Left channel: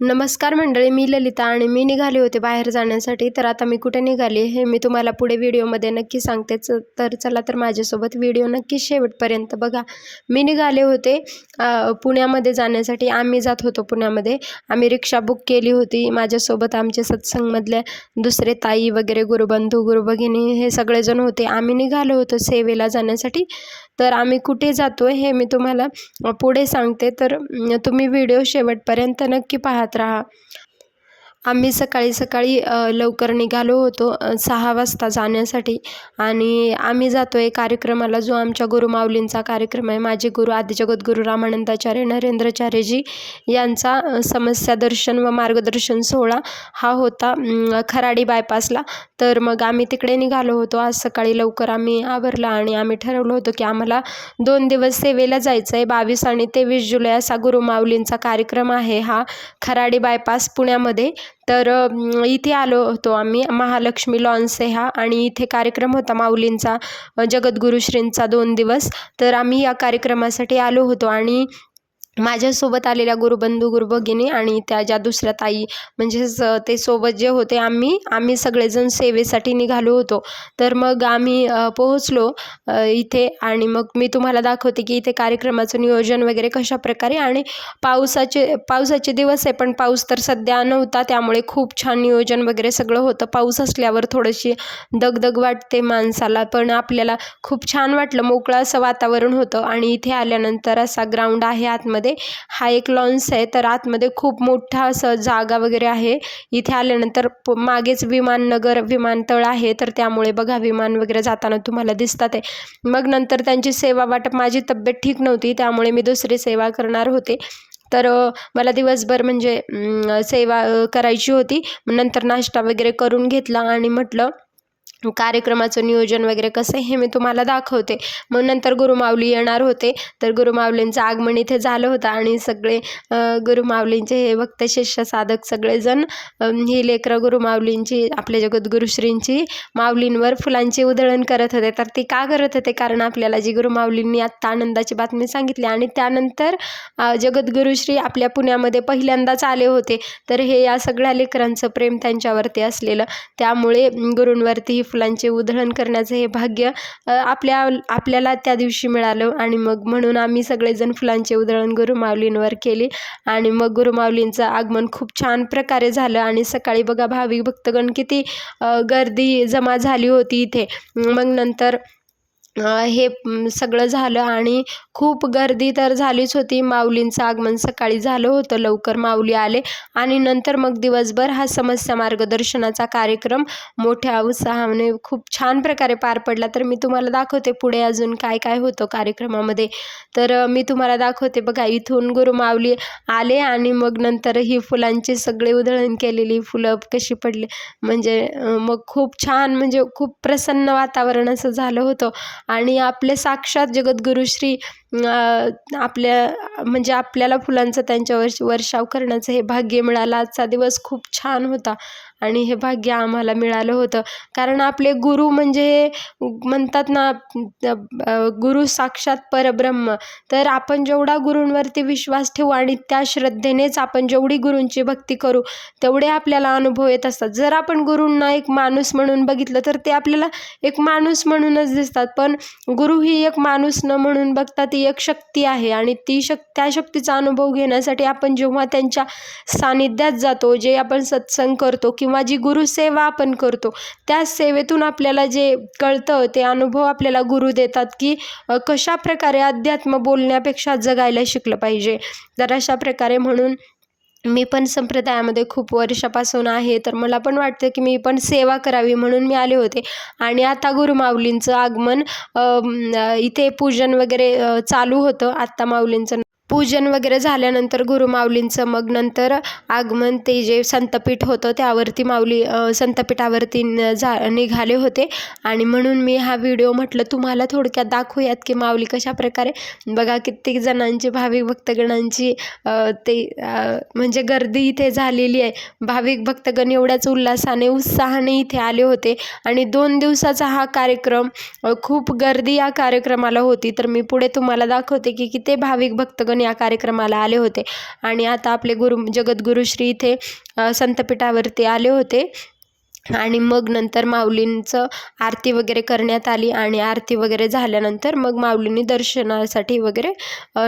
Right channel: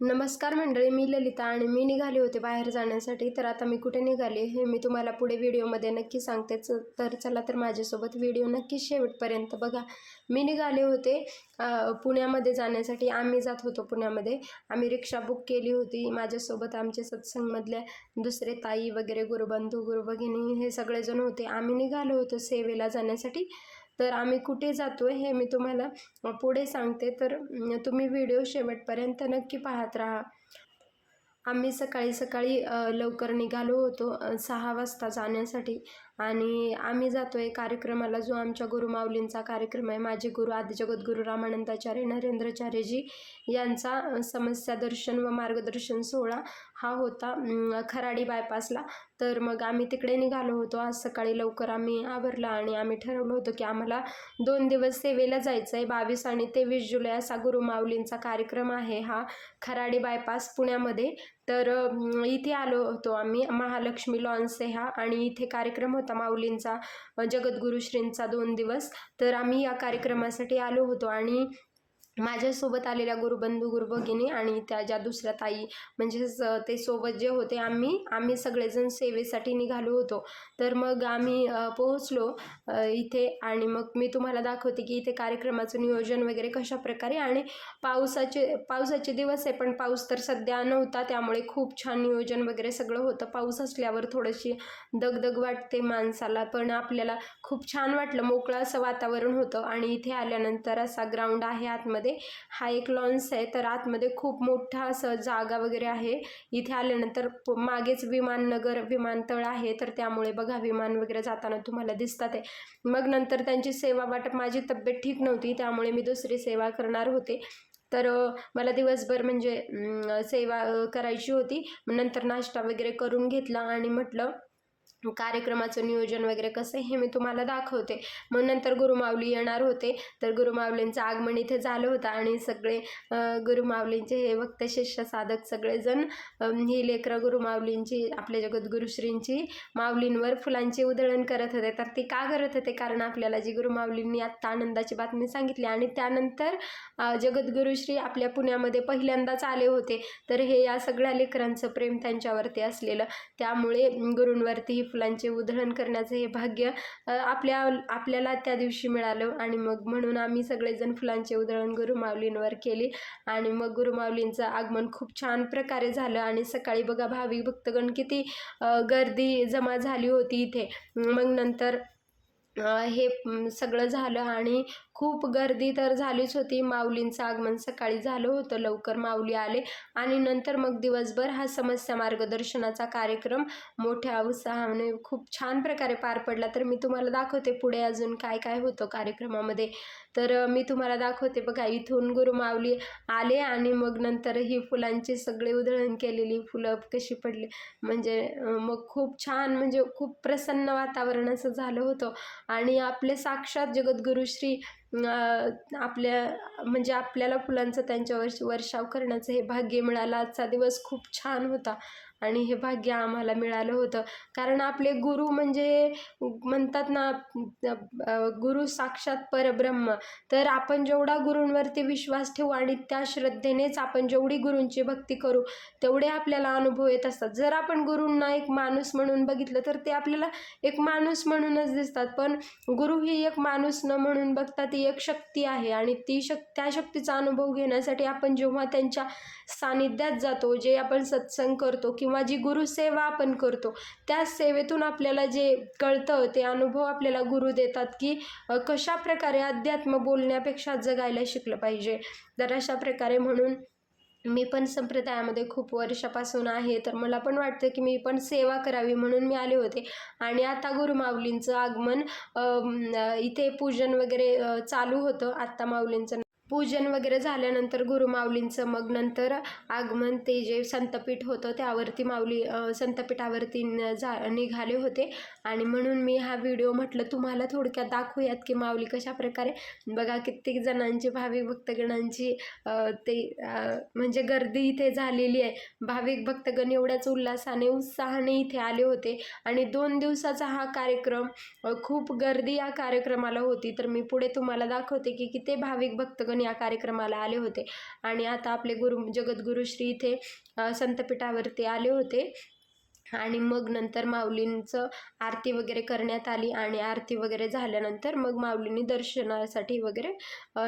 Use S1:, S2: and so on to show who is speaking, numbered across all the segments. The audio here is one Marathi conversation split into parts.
S1: नमस्कार मंडळी मी ललिता आणि मी निघाले होते बाहेर जाण्यासाठी. तर आता मी कुठे निघाले हे मी तुम्हाला पुढे व्हिडिओमध्ये नक्की सांगतेच तर चला तर माझ्यासोबत व्हिडिओ नक्की शेवटपर्यंत बघा. मी निघाले होते पुण्यामध्ये जाण्यासाठी. आम्ही जात होतो पुण्यामध्ये. आम्ही रिक्षा बुक केली होती. माझ्यासोबत आमचे सत्संगमधल्या दुसरे ताई वगैरे गुरुबंधू गुरुभगिनी हे सगळेजण होते. आम्ही निघालो होतो सेवेला जाण्यासाठी. तर आम्ही कुठे जातो आहे हे मी तुम्हाला पुढे सांगते. तर तुम्ही व्हिडिओ शेवटपर्यंत नक्की पाहत राहा. आम्ही सकाळी सकाळी लवकर निघालो होतो सहा वाजता जाण्यासाठी. आणि आम्ही जातो आहे कार्यक्रमाला जो आमच्या गुरुमाऊलींचा कार्यक्रम आहे. माझे गुरु आदिजगद्गुरू रामानंदाचार्य नरेंद्राचार्यजी यांचा समस्या दर्शन व मार्गदर्शन सोहळा हा होता खराडी बायपासला. तर मग आम्ही तिकडे निघालो होतो. आज सकाळी लवकर आम्ही आवरला आणि आम्ही ठरवलं होतं की आम्हाला दोन दिवस सेवेला जायचं आहे बावीस आणि तेवीस जुलै असा गुरुमाऊलींचा कार्यक्रम आहे हा खराडी बायपास पुण्यामध्ये. तर इथे आलो होतो आम्ही. महालक्ष्मी लॉन्स हा आणि इथे कार्यक्रम होता माऊलींचा जगद्गुरुश्रींचा दोन दिवस. तर आम्ही या कार्यक्रमासाठी आलो होतो आणि माझ्यासोबत आलेल्या गुरुबंधू गुरुभगिनी आणि त्या ज्या दुसऱ्या ताई म्हणजेच ते सोबत जे होते आम्ही आम्ही सगळेजण सेवेसाठी निघालो होतो. तर मग आम्ही पोहोचलो इथे आणि मग मी तुम्हाला दाखवते की इथे कार्यक्रमाचं नियोजन वगैरे कशा प्रकारे आणि पावसाचे पावसाचे दिवस आहे पण पाऊस तर सध्या नव्हता त्यामुळे खूप छान नियोजन वगैरे सगळं होतं. पाऊस असल्यावर थोडीशी दगदग वाटते माणसाला पण आपल्याला खूप छान वाटलं. मोकळं असं वातावरण होतं आणि इथे आल्यानंतर असा ग्राउंड आहे आतमध्ये. हा एक लॉन्स आहे. तर आतमध्ये खूप मोठा असं जागा वगैरे आहे. इथे आल्यानंतर मागेच विमाननगर विमानतळ आहे. तर त्यामुळे बघा विमान वगैरे जाताना तुम्हाला दिसतात आहे. मग नंतर त्यांची सेवा वाटप माझी तब्येत ठीक नव्हती. त्यामुळे मी दुसरी सेवा करणार होते. तर मला दिवसभर म्हणजे सेवा करायची होती. नंतर नाश्ता वगैरे करून घेतला आणि म्हटलं कार्यक्रमाचं नियोजन वगैरे कसं आहे हे मी तुम्हाला दाखवते. मग नंतर गुरुमाऊली येणार होते. तर गुरुमाऊलींचं आगमन इथे झालं होतं आणि सगळे गुरुमावलींचे हे भक्त शिष्य साधक सगळेजण ही लेकरं गुरुमाऊलींची आपल्या जगद्गुरुश्रींची माऊलींवर फुलांची उधळण करत होते. तर ती का करत होते? कारण आपल्याला जी गुरुमाऊलींनी आत्ता आनंदाची बातमी सांगितली आणि त्यानंतर जगद्गुरुश्री आपल्या पुण्यामध्ये पहिल्यांदाच आले होते. तर हे या सगळ्या लेकरांचं प्रेम त्यांच्यावरती असलेलं. त्यामुळे गुरूंवरती फुलांचे उधळण करण्याचं हे भाग्य आपल्या आपल्याला त्या दिवशी मिळालं. आणि मग म्हणून आम्ही सगळेजण फुलांचे उधळण गुरुमाऊलींवर केली. आणि मग गुरुमाऊलींचं आगमन खूप छान प्रकारे झालं. आणि सकाळी बघा भाविक भक्तगण किती गर्दी जमा झाली होती इथे. मग नंतर हे सगळं झालं आणि खूप गर्दी तर झालीच होती. माऊलींचं आगमन सकाळी झालं होतं. लवकर माऊली आले आणि नंतर मग दिवसभर हा समस्या मार्गदर्शनाचा कार्यक्रम मोठ्या उत्साहाने खूप छान प्रकारे पार पडला. तर मी तुम्हाला दाखवते पुढे अजून काय काय होतं कार्यक्रमामध्ये. तर मी तुम्हाला दाखवते बघा इथून गुरु माऊली आले आणि मग नंतर ही फुलांची सगळी उधळण केलेली फुलं कशी पडली. म्हणजे मग खूप छान म्हणजे खूप प्रसन्न वातावरण असं झालं होतं. आणि आपले साक्षात जगद्गुरु श्री आपल्या म्हणजे आपल्याला फुलांचं त्यांच्यावर वर्षाव करण्याचं हे भाग्य मिळालं. आजचा दिवस खूप छान होता. आणि हे भाग्य आम्हाला मिळालं होतं. कारण आपले गुरु म्हणजे म्हणतात ना गुरु साक्षात परब्रह्म. तर आपण जेवढा गुरूंवरती विश्वास ठेवू आणि त्या श्रद्धेनेच आपण जेवढी गुरूंची भक्ती करू तेवढे आपल्याला अनुभव येत असतात. जर आपण गुरूंना एक माणूस म्हणून बघितलं तर ते आपल्याला एक माणूस म्हणूनच दिसतात. पण गुरु ही एक माणूस न म्हणून बघता ती एक शक्ती आहे आणि ती शक त्या शक्तीचा अनुभव घेण्यासाठी आपण जेव्हा त्यांच्या सानिध्यात जातो जे आपण सत्संग करतो किंवा जी गुरुसेवा आपण करतो त्या सेवेतून आपल्याला जे कळतं ते अनुभव आपल्याला गुरु देतात की कशा प्रकारे अध्यात्म बोलण्यापेक्षा जगायला शिकलं पाहिजे. तर अशा प्रकारे म्हणून मी पण संप्रदायामध्ये खूप वर्षापासून आहे. तर मला पण वाटतं की मी पण सेवा करावी म्हणून मी आले होते. आणि आता गुरुमाऊलींचं आगमन इथे पूजन वगैरे चालू होतं. आत्ता माऊलींचं पूजन वगैरे झाल्यानंतर गुरुमाऊलींचं मग नंतर आगमन ते जे संतपीठ होतं त्यावरती माऊली संतपीठावरती न- जा निघाले होते. आणि म्हणून मी हा व्हिडिओ म्हटलं तुम्हाला थोडक्यात दाखवूयात की माऊली कशा प्रकारे. बघा कित्येक जणांची भाविक भक्तगणांची ते म्हणजे गर्दी इथे झालेली आहे. भाविक भक्तगण एवढ्याच उल्हासाने उत्साहाने इथे आले होते. आणि दोन दिवसाचा हा कार्यक्रम खूप गर्दी या कार्यक्रमाला होती. तर मी पुढे तुम्हाला दाखवते की किती भाविक भक्तगण पण या कार्यक्रमाला आले होते. आणि आता आपले गुरु जगद्गुरू श्री इथे संतपीठावरती आले होते. आणि मग नंतर माऊलींचं आरती वगैरे करण्यात आली आणि आरती वगैरे झाल्यानंतर मग माऊलींनी दर्शनासाठी वगैरे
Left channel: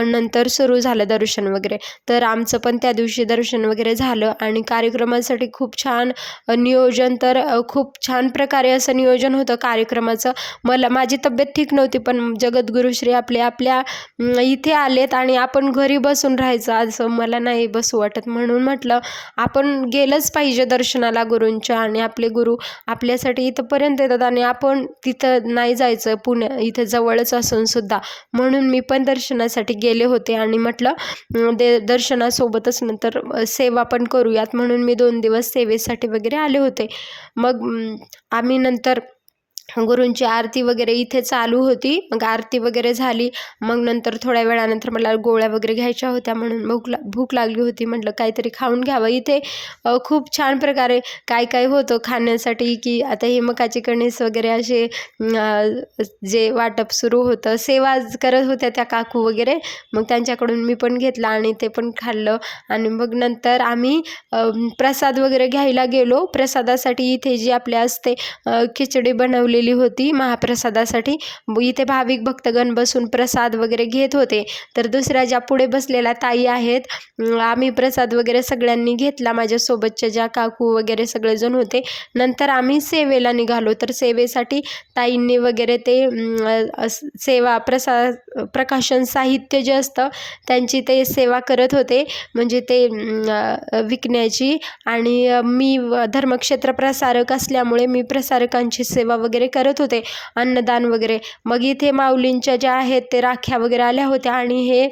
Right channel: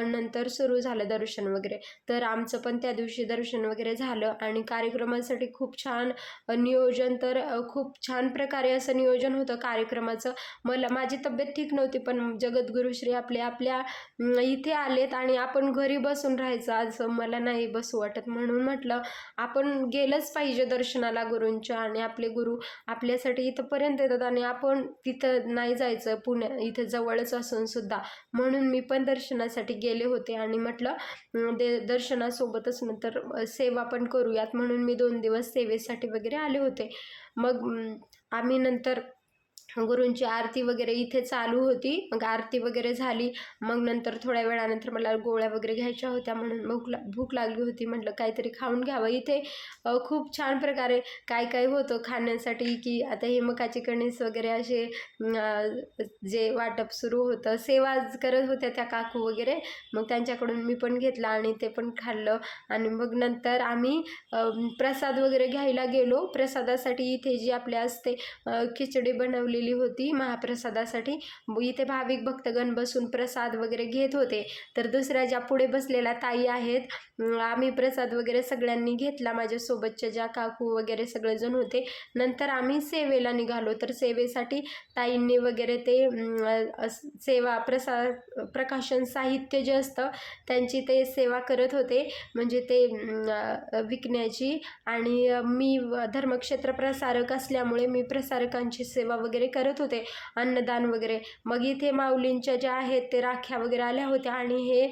S1: नंतर सुरू झालं दर्शन वगैरे. तर आमचं पण त्या दिवशी दर्शन वगैरे झालं आणि कार्यक्रमासाठी खूप छान नियोजन तर खूप छान प्रकारे असं नियोजन होतं कार्यक्रमाचं. मला माझी तब्येत ठीक नव्हती पण जगद्गुरुश्री आपले आपल्या इथे आलेत आणि आपण घरी बसून राहायचं असं मला नाही बसू वाटत म्हणून म्हटलं आपण गेलंच पाहिजे दर्शनाला गुरूंच्या आणि आपले गुरु आपल्यासाठी इथंपर्यंत येतात आणि आपण तिथं नाही जायचं. पुण्या इथं जवळच असून सुद्धा. म्हणून मी पण दर्शनासाठी गेले होते आणि म्हटलं दे दर्शनासोबतच नंतर सेवा पण करूयात. म्हणून मी दोन दिवस सेवेसाठी वगैरे आले होते. मग आम्ही नंतर गुरूंची आरती वगैरे इथे चालू होती. मग आरती वगैरे झाली. मग नंतर थोड्या वेळानंतर मला गोळ्या वगैरे घ्यायच्या होत्या म्हणून भूक ला भूक लागली होती. म्हटलं काहीतरी खाऊन घ्यावं. इथे खूप छान प्रकारे काय काय होतं खाण्यासाठी की आता हे मकाची कणीस वगैरे असे जे वाटप सुरू होतं सेवा करत होत्या त्या काकू वगैरे. मग त्यांच्याकडून मी पण घेतला आणि ते पण खाल्लं. आणि मग नंतर आम्ही प्रसाद वगैरे घ्यायला गेलो. प्रसादासाठी इथे जी आपल्या असते खिचडी बनवलेली होती महाप्रसादासाठी. इथे भाविक भक्तगण बसून प्रसाद वगैरे घेत होते. तर दुसऱ्या ज्या पुढे बसलेल्या ताई आहेत आम्ही प्रसाद वगैरे सगळ्यांनी घेतला. माझ्यासोबतच्या ज्या काकू वगैरे सगळेजण होते. नंतर आम्ही सेवेला निघालो. तर सेवेसाठी ताईंनी वगैरे ते सेवा प्रसा प्रकाशन साहित्य जे असतं त्यांची ते सेवा करत होते. म्हणजे ते विकण्याची आणि मी धर्मक्षेत्र प्रसारक असल्यामुळे मी प्रसारकांची सेवा वगैरे करत होते. अन्नदान वगैरे. मग इथे माऊलींच्या ज्या आहेत ते राख्या वगैरे आल्या होत्या आणि हे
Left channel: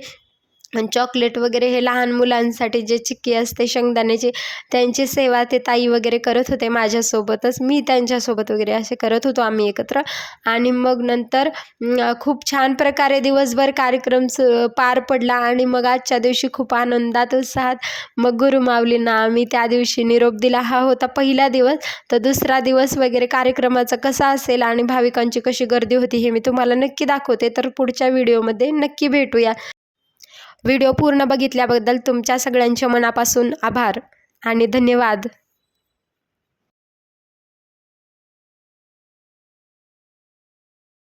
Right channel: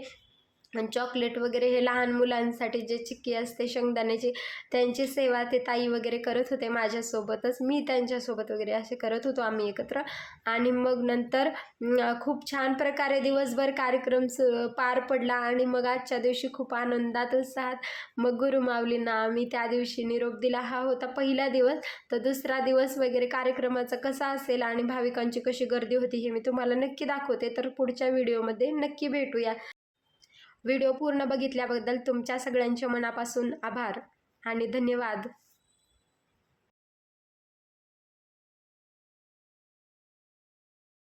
S1: चॉकलेट वगैरे हे लहान मुलांसाठी जे चिक्की असते शेंगदाण्याची त्यांची सेवा ते ताई वगैरे करत होते माझ्यासोबतच. मी त्यांच्यासोबत वगैरे असे करत होतो आम्ही एकत्र. आणि मग नंतर खूप छान प्रकारे दिवसभर कार्यक्रम पार पडला आणि मग आजच्या दिवशी खूप आनंदात उत्साहात मग गुरुमावलींना आम्ही त्या दिवशी निरोप दिला. हा होता पहिला दिवस. तर दुसरा दिवस वगैरे कार्यक्रमाचा कसा असेल आणि भाविकांची कशी गर्दी होती हे मी तुम्हाला नक्की दाखवते. तर पुढच्या व्हिडिओमध्ये नक्की भेटूया. व्हिडिओ पूर्ण बघितल्याबद्दल तुमच्या सगळ्यांच्या मनापासून आभार आणि धन्यवाद.